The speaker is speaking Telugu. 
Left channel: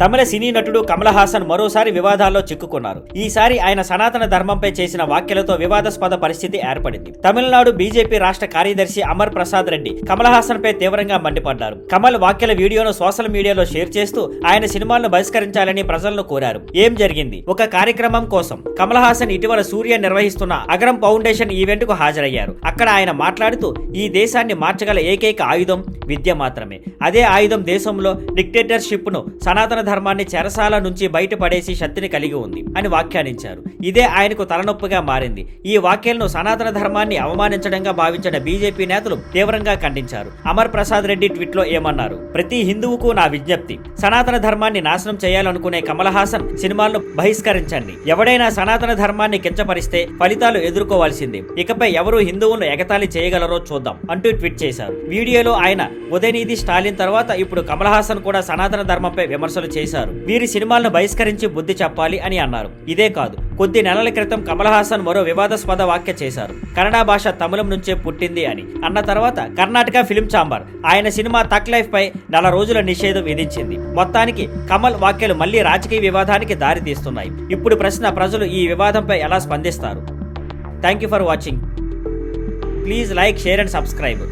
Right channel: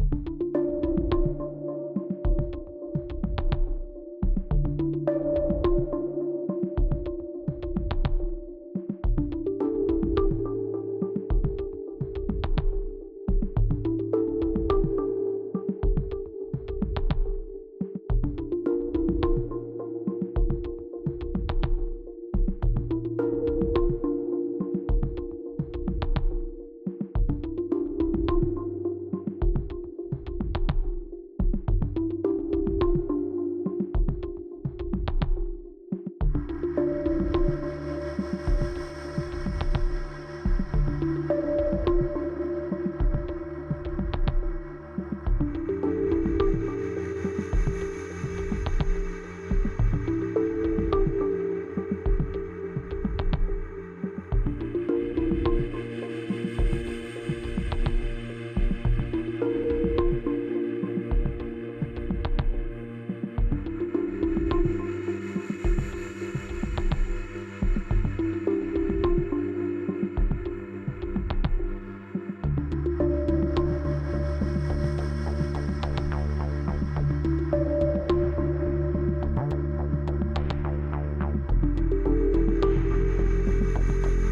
తమిళ సినీ నటుడు కమల్ హాసన్ మరోసారి వివాదాల్లో చిక్కుకున్నారు. ఈసారి ఆయన సనాతన ధర్మంపై చేసిన వ్యాఖ్యలతో వివాదాస్పద పరిస్థితి ఏర్పడింది. తమిళనాడు బీజేపీ రాష్ట్ర కార్యదర్శి అమర్ ప్రసాద్ రెడ్డి కమల్ హాసన్ పై తీవ్రంగా మండిపడ్డారు. కమల్ వ్యాఖ్యల వీడియోను సోషల్ మీడియాలో షేర్ చేస్తూ ఆయన సినిమాలను బహిష్కరించాలని ప్రజలను కోరారు. ఏం జరిగింది? ఒక కార్యక్రమం కోసం కమల్ హాసన్ ఇటీవల సూర్య నిర్వహిస్తున్న అగరం ఫౌండేషన్ ఈవెంట్ కు హాజరయ్యారు. అక్కడ ఆయన మాట్లాడుతూ ఈ దేశాన్ని మార్చగల ఏకైక ఆయుధం విద్య మాత్రమే. అదే ఆయుధం దేశంలో డిక్టేటర్షిప్ ను, సనాతన ధర్మాన్ని చెరసాల నుంచి బయటపడేసి శక్తిని కలిగి ఉంది అని వ్యాఖ్యానించారు. ఇదే ఆయనకు తలనొప్పిగా మారింది. ఈ వ్యాఖ్యలను సనాతన ధర్మాన్ని అవమానించడంగా భావించిన బీజేపీ నేతలు తీవ్రంగా ఖండించారు. అమర్ ప్రసాద్ రెడ్డి ట్వీట్ లో ఏమన్నారు? ప్రతి హిందువుకు నా విజ్ఞప్తి, సనాతన ధర్మాన్ని నాశనం చేయాలనుకునే కమల్ హాసన్ సినిమాలను బహిష్కరించండి. ఎవడైనా సనాతన ధర్మాన్ని కించపరిస్తే ఫలితాలు ఎదుర్కోవాల్సిందే. ఇకపై ఎవరు హిందువులను ఎగతాళి చేయగలరో చూద్దాం అంటూ ట్వీట్ చేశారు. వీడియోలో ఆయన ఉదయనిధి స్టాలిన్ తర్వాత ఇప్పుడు కమల్ హాసన్ కూడా సనాతన ధర్మంపై విమర్శలు చేశారు. వీరి సినిమాలను బహిష్కరించి బుద్ధి చెప్పాలి అని అన్నారు. ఇదే కాదు, కొద్ది నెలల క్రితం కమల్ హాసన్ మరో వివాదాస్పద వ్యాఖ్య చేశారు. కన్నడ భాష తమిళం నుంచే పుట్టింది అని అన్న తర్వాత కర్ణాటక ఫిల్మ్ ఛాంబర్ ఆయన సినిమా తక్ లైఫ్ పై 4 రోజుల నిషేధం విధించింది. మొత్తానికి కమల్ వ్యాఖ్యలు మళ్లీ రాజకీయ వివాదానికి దారి తీస్తున్నాయి. ఇప్పుడు ప్రశ్న, ప్రజలు ఈ వివాదంపై ఎలా స్పందిస్తారు? Thank you for watching. Please like, share and subscribe.